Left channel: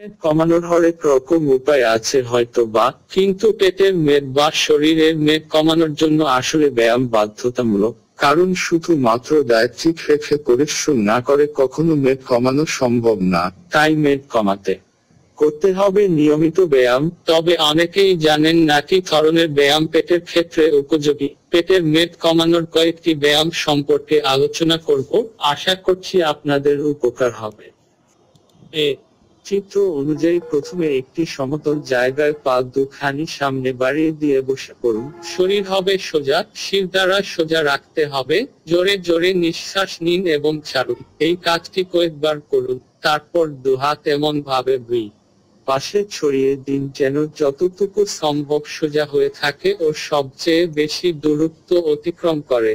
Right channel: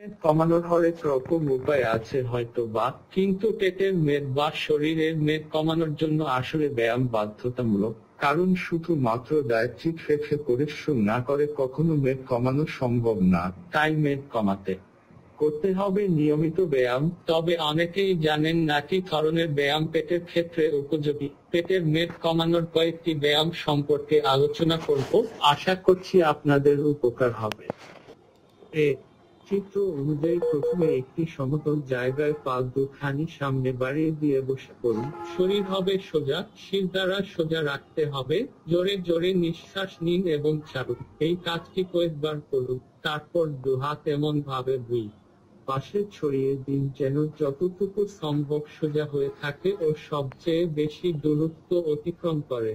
মেদ কমানোর হরেক রকম উপায় আছে হয়তো বা কিন্তু পেটের মেদ বা শরীরের মেদ কমানোর জন্য আসলে ব্যায়াম বাধ্যতামূলক। কারণ শুধুমাত্র ডায়েট্রিক রেখে পরিশ্রম না করে কখনো মেদ কমানো সম্ভব না। তাই মেদ কমাতে করতে হবে নিয়মিত ব্যায়াম। তবে অনেকেই জানেন না কি ধরনের ব্যায়াম পেটের ক্ষেত্রে উপযোগী। পেটের মেদ কমানোর কয়েকটি ব্যায়াম সম্পর্কে আলোচনা করব। আশা করছি আপনাদের উপকার হবে। চিত্র অনুযায়ী প্রথমে একটি সমতল জায়গায় পা দুখানি সামনে বাড়িয়ে দিয়ে বসে পড়ুন। শরীর হবে সোজা, শির দ্বারা সোজা রাখতে হবে। জোরে জোরে নিঃশ্বাস নিন এবং ছাড়ুন। এই কাজটি কয়েকবার করুন, তারপর দুহাত এমন ভাবে দুই পাশে ছড়িয়ে দিন যেন যতটুকু সম্ভব সোজা হয়ে থাকে ও সবচেয়ে বেশি দূরত্ব অতিক্রম করে।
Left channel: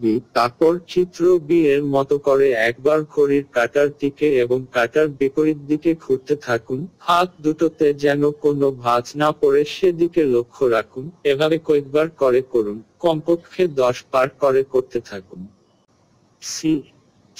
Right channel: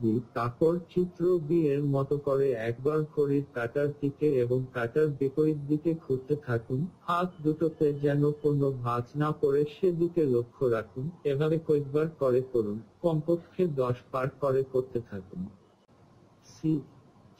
বি তারপর চিত্র বি এর মতো করে একবার ঘড়ির কাটার দিকে এবং কাটার বিপরীত দিকে ঘুরতে থাকুন। হাত দুটোতে যেন কোনো ভাঁজ না পড়ে সেদিকে লক্ষ্য রাখুন। এভাবে কয়েকবার করে করুন। কমপক্ষে দশ বার করে করতে থাকুন। সি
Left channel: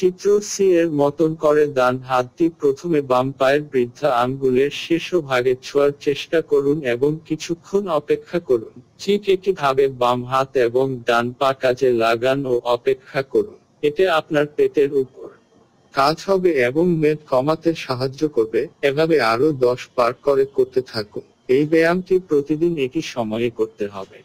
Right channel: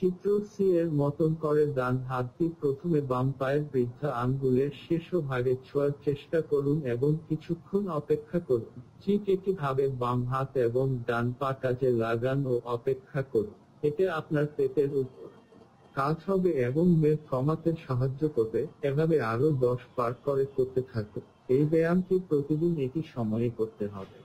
চিত্র সি এর মতন করে ডান হাতটি প্রথমে বাম পায়ের বৃদ্ধা আঙ্গুলের শীর্ষ ভাগে ছোঁয়ার চেষ্টা করুন এবং কিছুক্ষণ অপেক্ষা করুন। ঠিক একইভাবে বাম হাত এবং ডান পা কাজে লাগান ও অপেক্ষা করুন। এতে আপনার পেটের উপর কাজ হবে এবং মেদ কমাতে সাহায্য করবে। এভাবে আরও দশ পার করে করতে থাকুন। এই ব্যায়ামটি প্রতিদিন একই সময়ে করতে হবে।